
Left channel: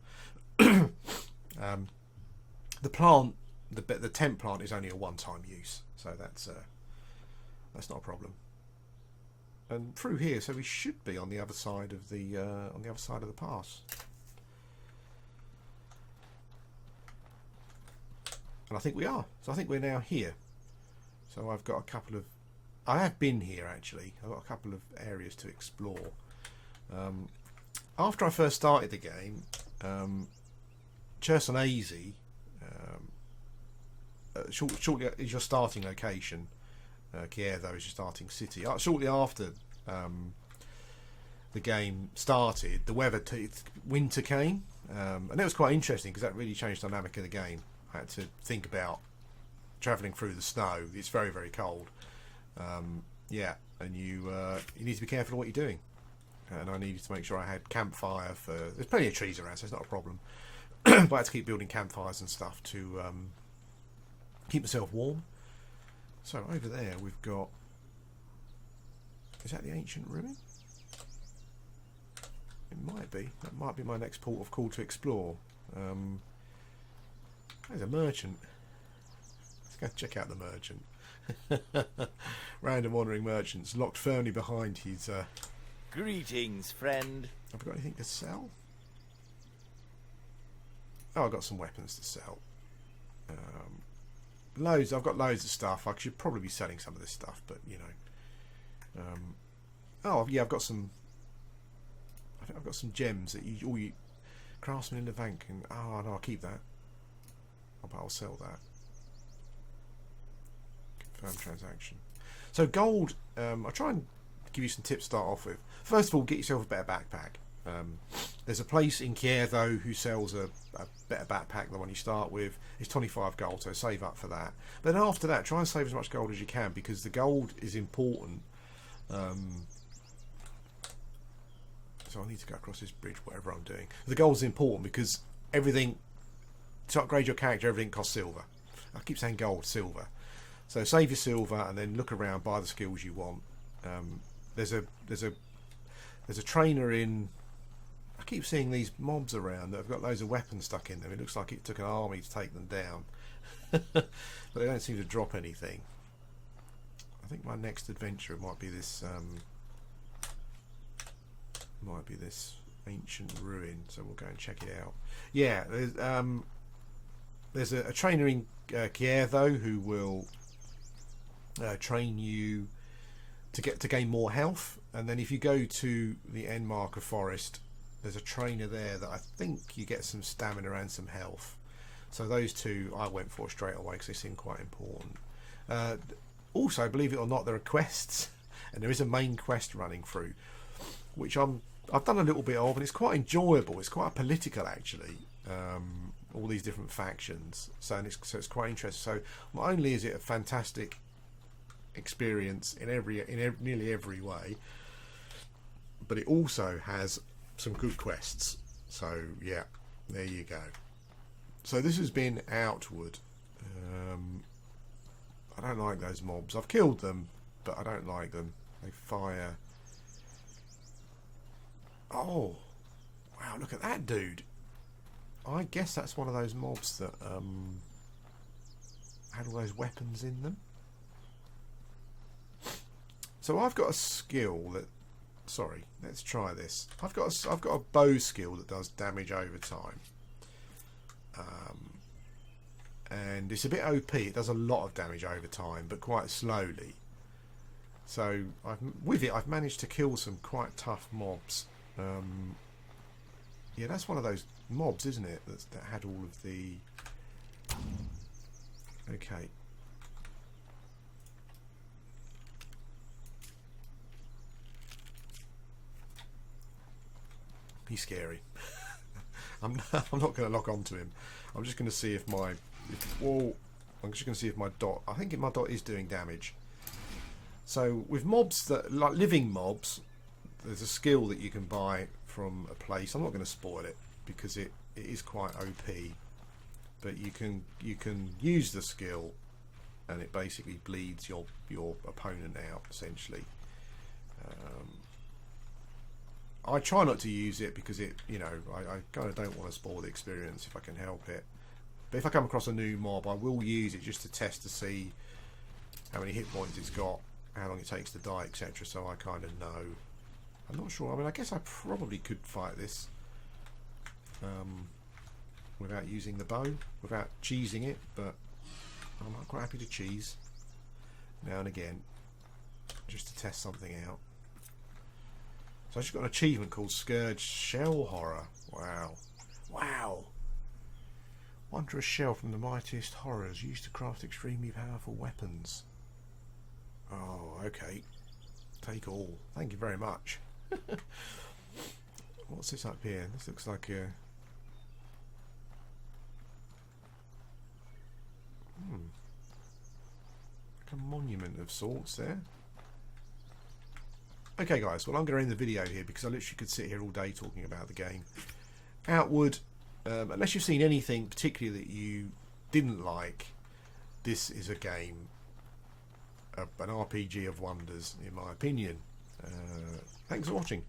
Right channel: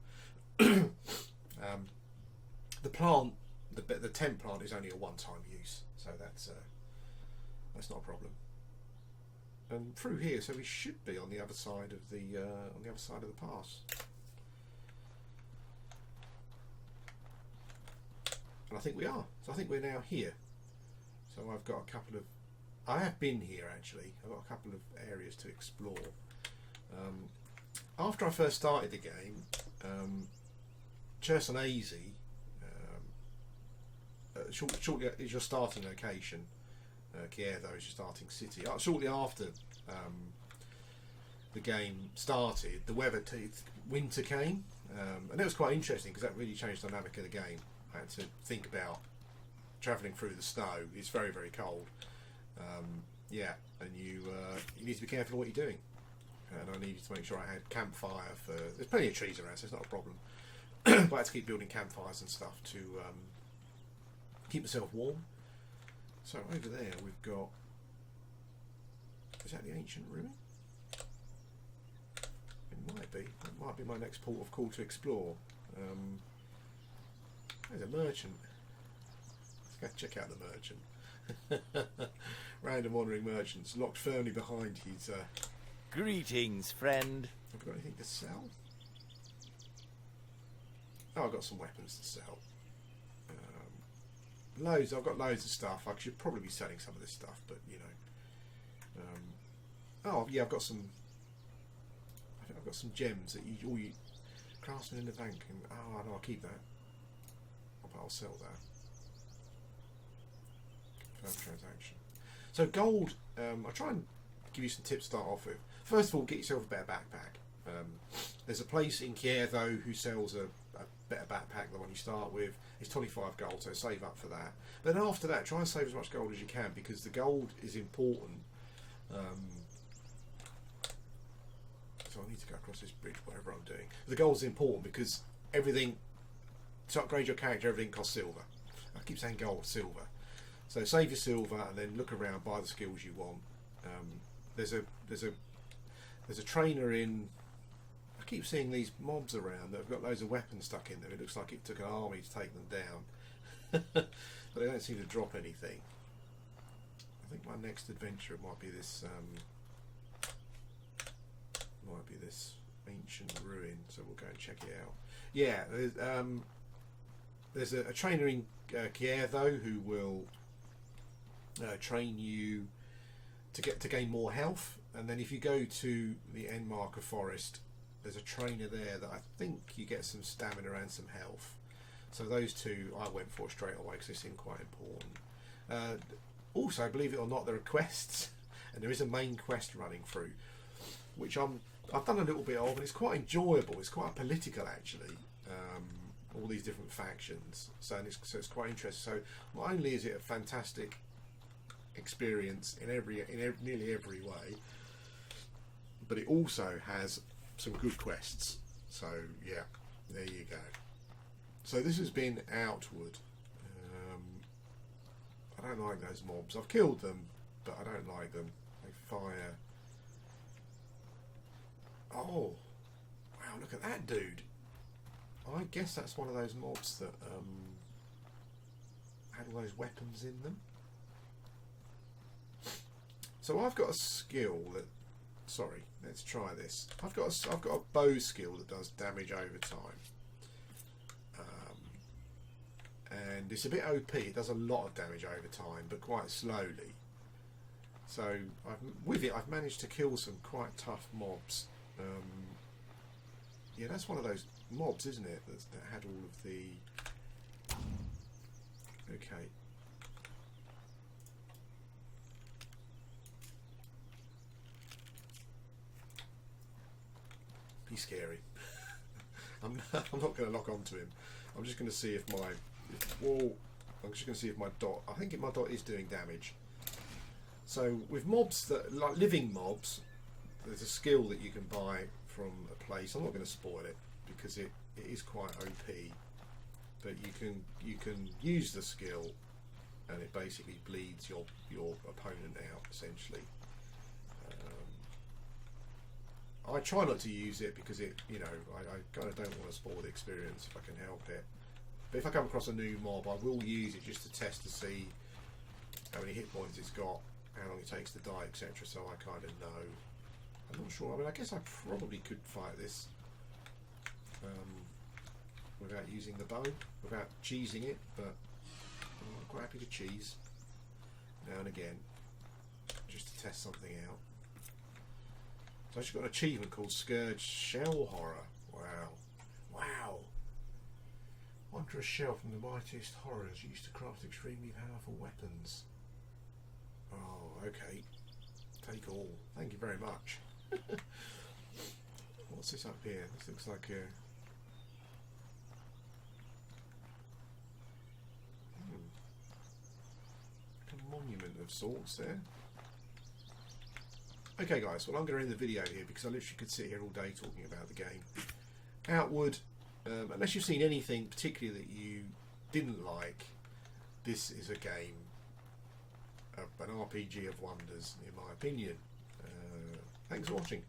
The plant, the tent plant is only a one-time use, so that's not a problem. And through here, so we should be on the other side of the pass. And I think we are. So I think we're now here. So I've got a couple of... I have been here, actually. I've got a couple of areas to explore. after I first started the game, Chersoneso, shortly is your starting location. Kiev, is your starting city. Shortly after the game started, the winter came, and that was quite interesting because that really changed the dynamic of the game. I had to think about travelling through the snow. It's very, very cold. Yeah, and you need to be careful of what you're doing. And I needed to make sure I had campfire for. There's plenty of trees around, so it's not a problem. But I had to keep building campfires and stuff to keep myself warm. So over there we've got. Is that the ancient ruin? It might be. That might be my next port of call to explore. There's a merchant. Let's go check out the merchant. Random wandering merchants locked firmly behind his. Greetings, friend. Have we got anything to sell? Oh, I've got some weapons to sell. Loads. I've got loads of stuff. I should probably be selling some of this stuff, but you know. Oh yeah, I've got some. I think I've got some gems that you craftsman in the bank. And oh no, I'll keep that. I'll sell that. Confirm transaction. So gold. I'll try and give you some tips to start off with. First of all, get yourself a better backpack. There's a place in Kiev though who sells a better backpack than the one you start with. It's 25 gold, so save up for that. But then after that, try and save as much gold as you can because the gold is important. So I need to go across this bridge, whatever I'm doing. The gold is important because everything, to upgrade your character, everything costs silver. I keep saying gold, silver. So save your silver and then look around, buy the skills you want. There's a trainer in. I keep seeing these mobs around that have got loads of weapons stuck in them. It looks like it took an army to take them down, but they don't seem to drop anything. I think my next adventure might be this. Might be this ancient ruin. So we'll go and check it out. Yeah, there's a trainer in Kiev though who will train you to gain more health, and then if you go to the end marker forest, there's a trainer there that I think you get some stamina and some health. So those two I went for straight away because they seem quite important. Also, believe it or not, there are quests, and there is a main quest running through, which I've done a little bit of, and it's quite enjoyable. It's quite political actually. All these different factions, so it's quite interesting. So not only is it a fantastic experience in nearly every way, but it also has some good quests. So yeah, there you go. So this has been Outward. I don't like those mobs. I've killed them, but I don't like them. They fire. Oh wow, look at that dude. I guess that's one of those mobs that had all those weapons in them. So I've got a skill that. Sorry, let's try this. I've got a bow skill that does damage over time, and it's a bit OP. It does a lot of damage over time, but quite slowly. So I've managed to kill some quite tough mobs. Yeah, that's one of those mobs, isn't it? That had all of the. Okay. He's scary. I'm not going to lock onto him. I'm just going to see if my. Whoa! I'm just going to see if my dot. I think my dot is doing damage. So with mobs that like living mobs, there's a skill that you can buy from a place. I'm not going to spoil it because it is quite OP. But you can use the skill, and it basically bleeds your opponent out essentially. I try not to use it because I kind of don't want to spoil the experience if I can help it. But if I come across a new mob, I will use it just to test to see how many hit points it's got, how long it takes to die, etc. So I kind of know. I'm not sure. I mean, I guess I probably could fight this without using the bow, without cheesing it, but I'm quite happy to cheese now and again just to test something out. So I just got an achievement called Scourge Shell Horror. Wow. Wow. Wondrous shell from the mightiest horrors used to craft extremely powerful weapons. Oh, okay. Take all. Thank you very much. What's this up here? This looks like a... like a monument of sorts there. Okay guys, well I'm going to end the video here because I literally could sit here all day talking about the game. Outward, unless you've seen anything particularly that you didn't like, this is a game, an RPG of wonders in my opinion. Thanks for watching.